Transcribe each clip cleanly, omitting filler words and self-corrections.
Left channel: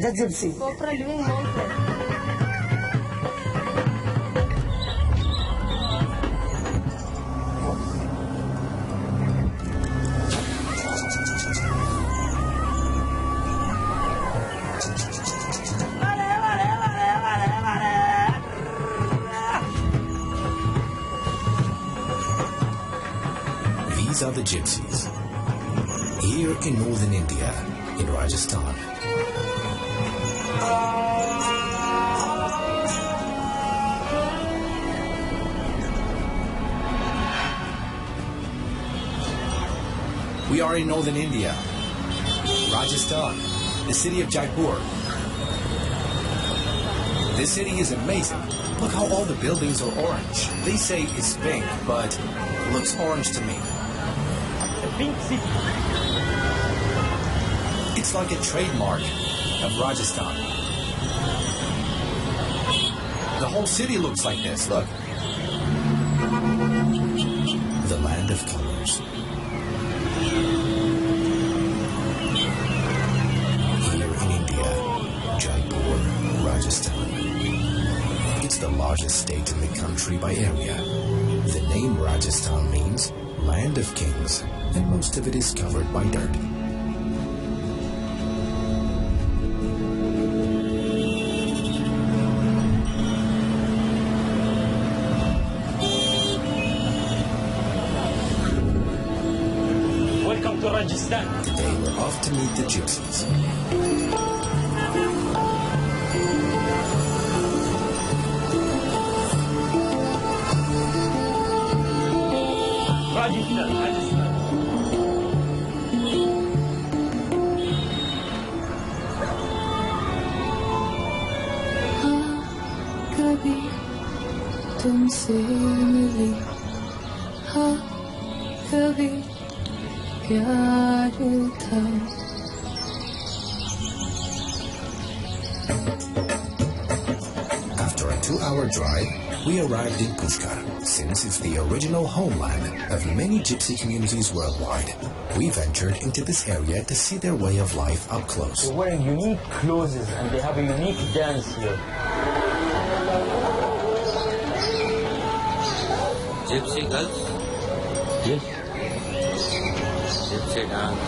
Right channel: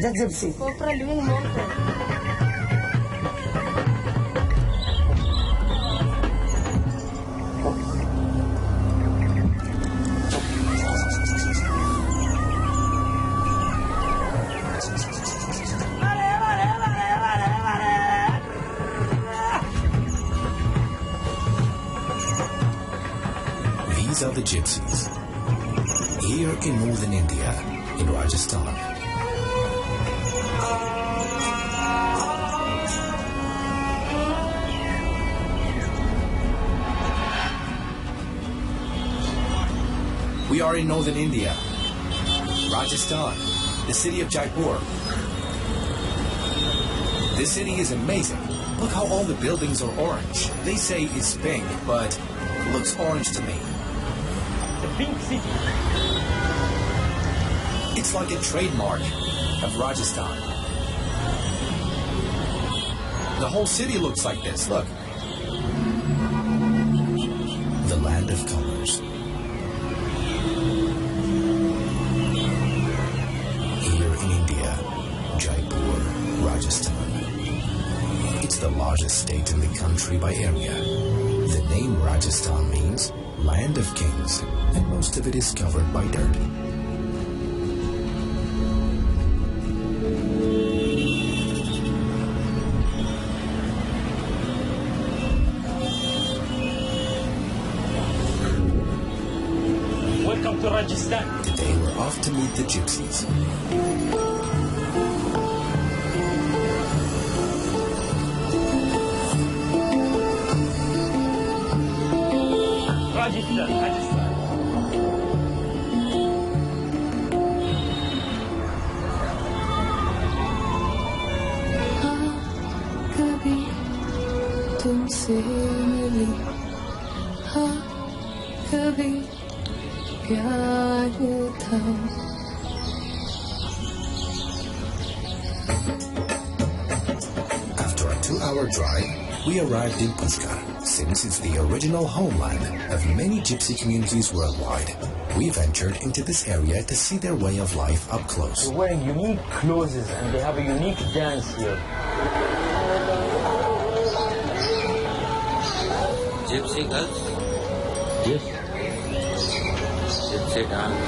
The gypsy. COBRA living mountain. These are the gypsies. Here in northern India, in Rajasthan. We are in northern India, Rajasthan, the city of Jaipur. This city is amazing. Look how all the buildings are orange. They say it's pink, but it looks orange to me. The pink city. It's like a trademark of Rajasthan. The whole city looks like this, look. The land of colors. Here in India, Jaipur, Rajasthan. It's the largest state in the country by area. The name Rajasthan means land of kings, and most of it is covered by dirt. Welcome to Rajasthan. Today we're off to meet the gypsies. Rajasthan. कभी तुमसे मिली हाँ कभी प्यार था After a 2-hour drive, we arrived in Pushkar. Since it's the original homeland of many gypsy communities worldwide, we ventured into this area to see their way of life up close. They're wearing unique clothes and they have a unique dance here. Gypsy girls? Yes. Gypsy dance.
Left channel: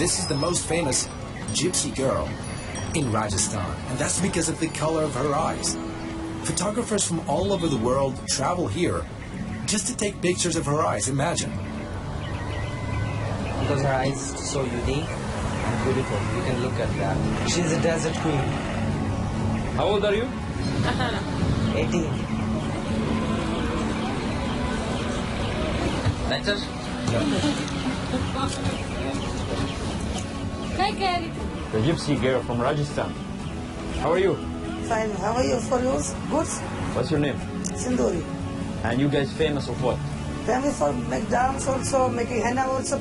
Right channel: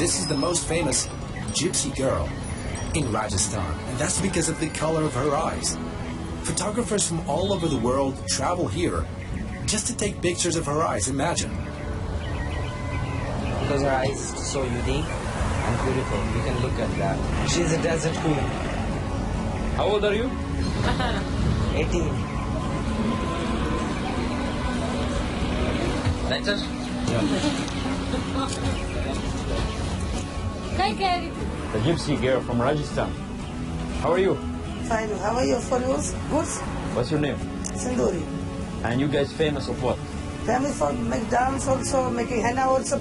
This is the most famous gypsy girl in Rajasthan, and that's because of the color of her eyes. Photographers from all over the world travel here just to take pictures of her eyes. Imagine. Because her eyes so unique and beautiful. You can look at that. She's a desert queen. How old are you? 18. That's it? The gypsy girl from Rajasthan. How are you? Fine. How are you? For you? Good? What's your name? Sinduri. And you guys famous of what? Family for make dance also, making henna also.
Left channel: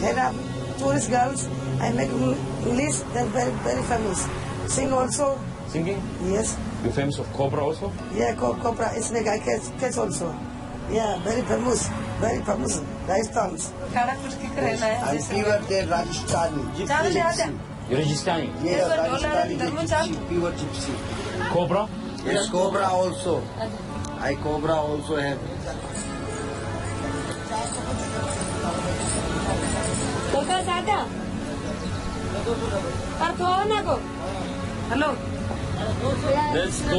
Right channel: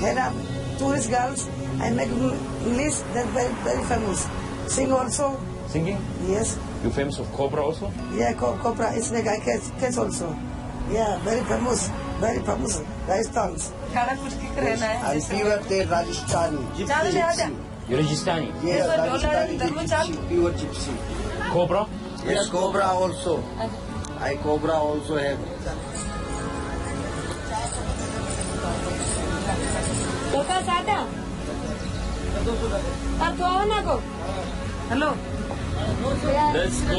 Henna, tourist girls. I make English, they're very, very famous. Sing also. Singing? Yes. You famous of COBRA also? Yeah, COBRA is make I catch also. Yeah, very famous. Very famous. Rajasthan. I'm pure Rajasthani. Gypsy. You're Rajasthani? Yeah, Rajasthani gypsy, pure gypsy. COBRA? Yes, COBRA also. I COBRA also have. Hello. Let's go!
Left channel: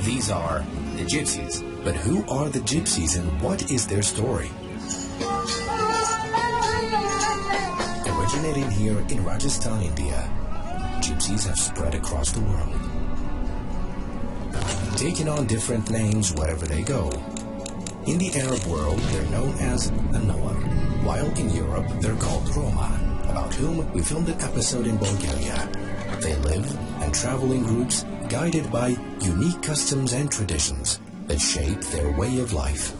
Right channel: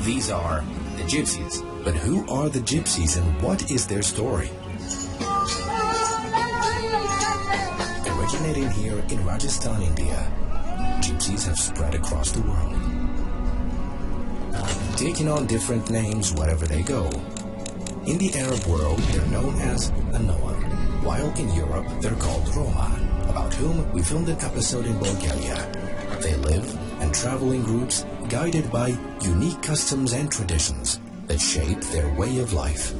These are the gypsies. But who are the gypsies and what is their story? Originating here in Rajasthan, India, gypsies have spread across the world, taking on different names wherever they go. In the Arab world, they're known as a nomad, while in Europe, they're called Roma, about whom we filmed an episode in Bulgaria. They live and travel in groups, guided by unique customs and traditions that shape their way of life.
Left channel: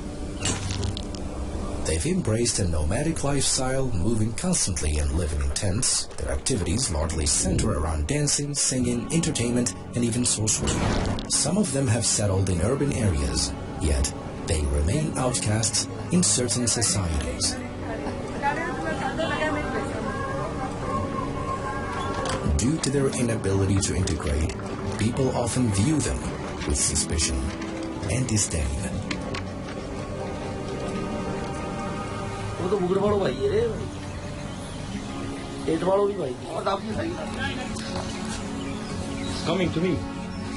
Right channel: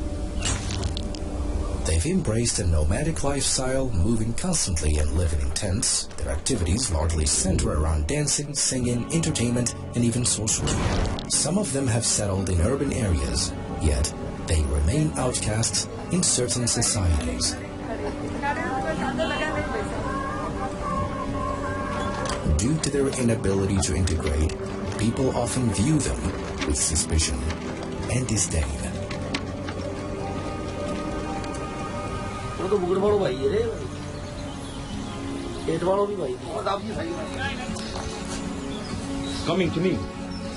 They've embraced a nomadic lifestyle, moving constantly and living in tents. Their activities largely center around dancing, singing, entertainment, and even sorcery. Some of them have settled in urban areas, yet they remain outcasts in certain societies. Due to their inability to integrate, people often view them with suspicion and disdain. Coming to me.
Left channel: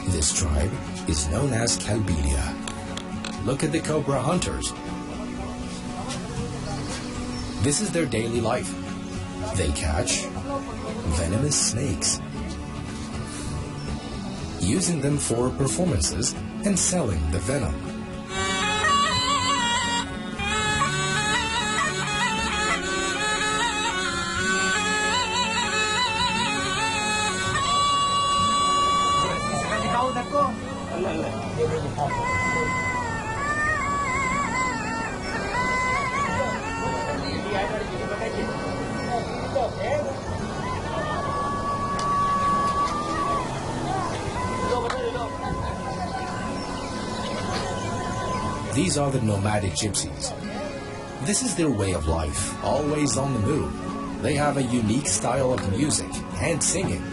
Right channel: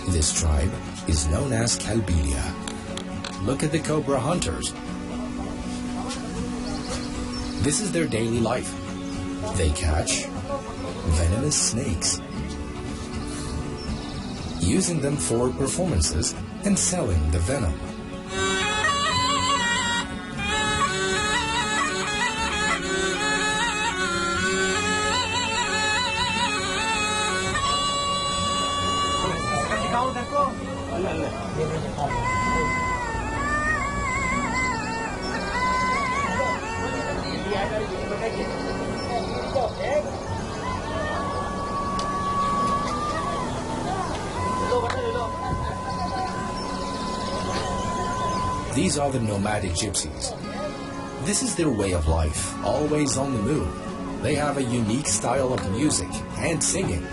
This tribe is known as Kalbilia. Look at the cobra hunters. This is their daily life. They catch venomous snakes, using them for performances and selling the venom. These are the Nomadic Gypsies. This is their way of life, always on the move. They have a unique style of music and singing.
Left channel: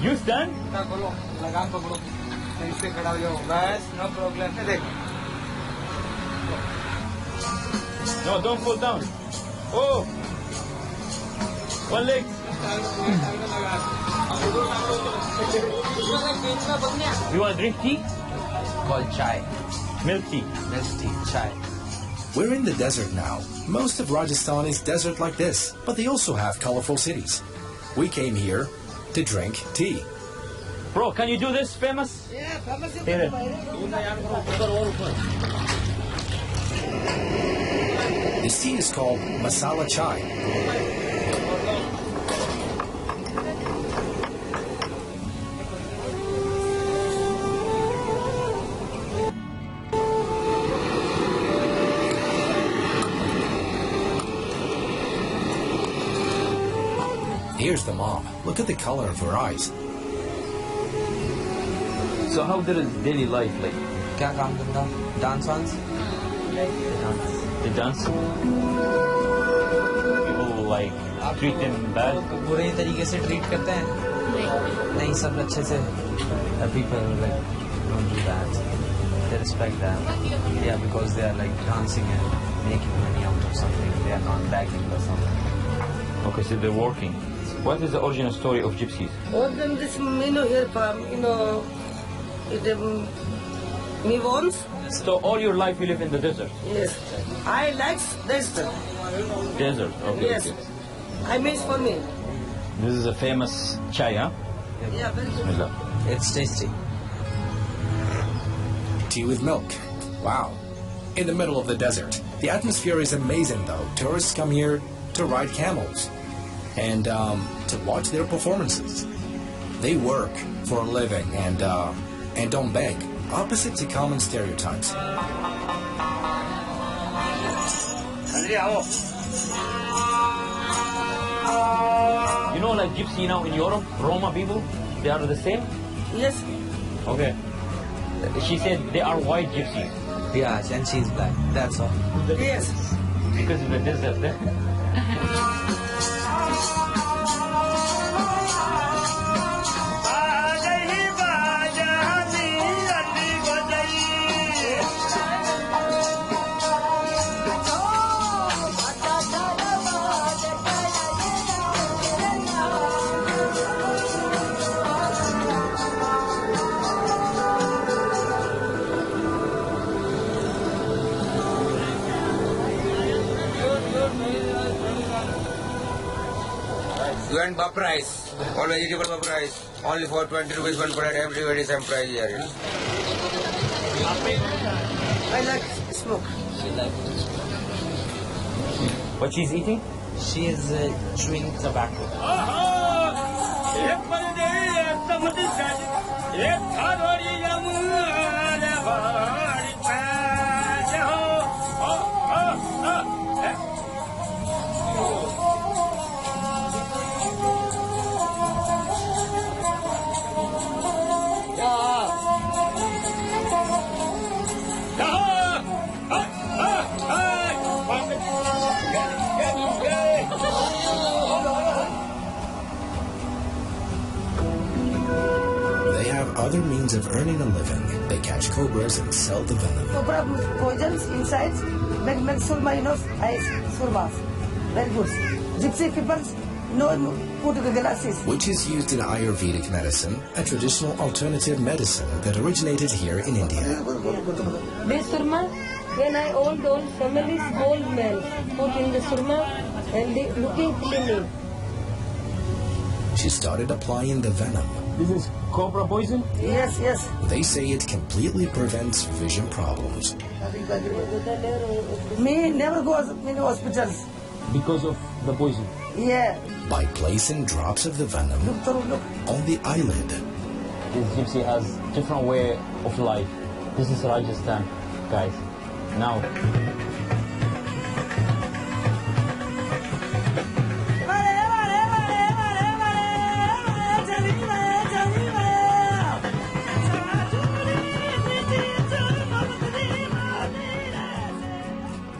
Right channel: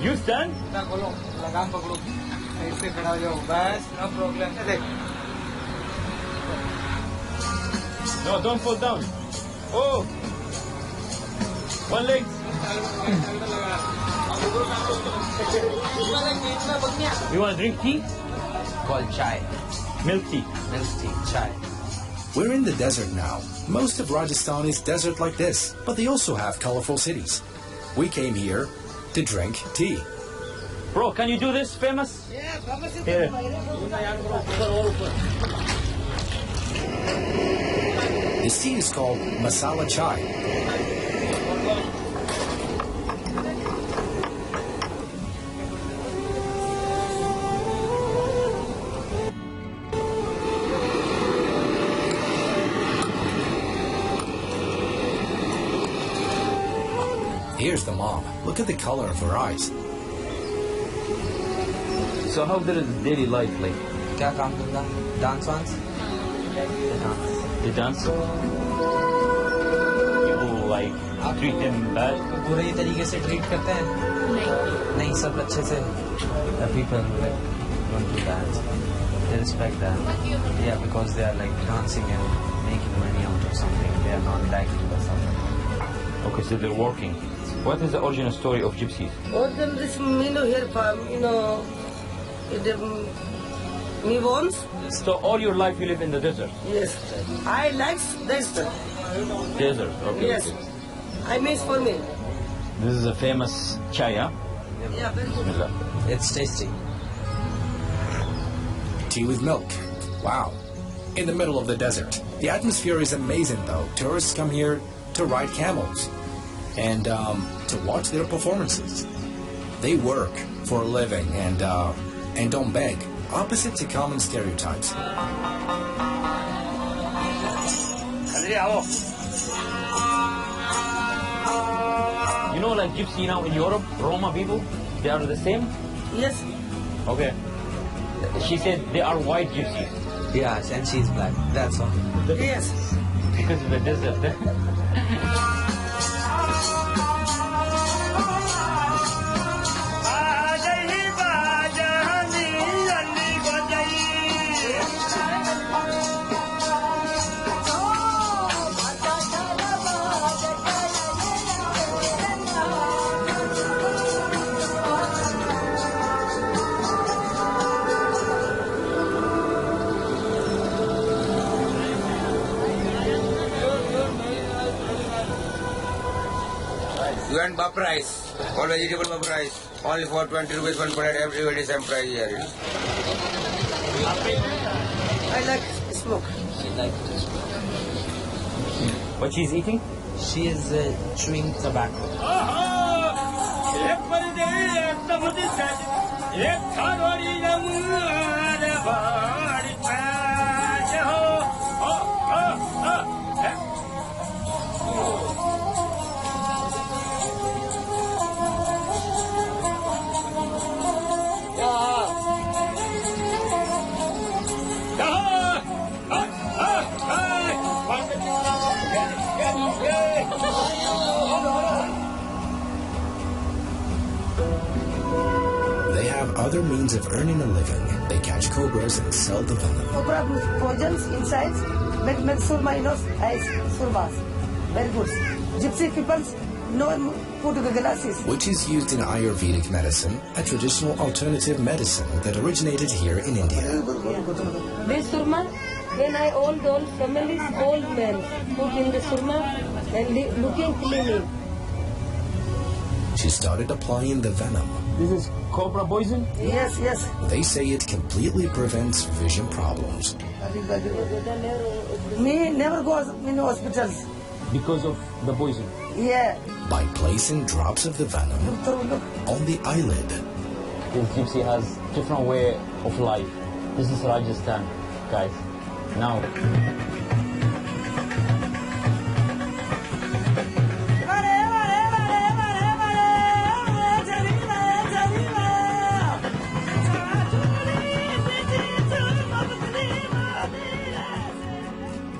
You stand? No, don't fall down. Oh! One leg. You want to drink tea? Called chai. Milk tea. Milk tea, chai. We're in the desert now. Most of Rajasthan is desert like this, but they also have colorful cities. We came here to drink tea. Bro, can you do this famous? Yeah, famous. Here. This tea is called masala chai. Here's the mom. Look at the color of her eyes. So how did his daily life like? क्या काम करता? Dance once? They dance? People like treat him bad? बुरे ही तरीके से treat करते हैं? नहीं, सब अच्छे से. People like don't do that. They respect that. Yeah, because they are like dancing and making money out of something. They are not begging or something. Okay, so they're working. What is the origin story of gypsies? All them this here farm, me wants. So all your life you live in the desert? Yes. I like desert. Desert, okay. Yes. Okay. I miss for me. This is a famous chai, huh? Yeah, very good. Bismillah. It's tasty. Tea with milk. Wow. In the middle of the desert. The atmosphere is amazing though. Tourists come here to ride camels and to watch their performances. They work for a living and don't beg, opposite to common stereotypes. You know, like gypsy now in Europe, Roma people, they are the same? Yes. Okay. She said they are white gypsies. Yeah, and she's black. That's all. Yes. Because of the desert. one bap rice, one vegetable bap rice, only for 20 rupees one plate, everybody same price here. I like smoke. She like What she's eating? she is chewing tobacco. They have other means of earning a living. They catch cobras and sell the venom. Cobra poisons inside, make surma enough, ice, surmas. Very good. Gypsy people, no put the glasses. Which is used in Ayurvedic medicine, a traditional alternative medicine that originated here in India. This surma, when I old families, old men put in the surma and looking clean. She started applying the venom. This is cobra poison? Yes, yes. They say it completely prevents vision problems. Me never goes in hospitals. Because of the poison. Yeah. By placing drops of the venom on the eyelid. This gypsy has different way of life. This is Rajasthan, guys. Now,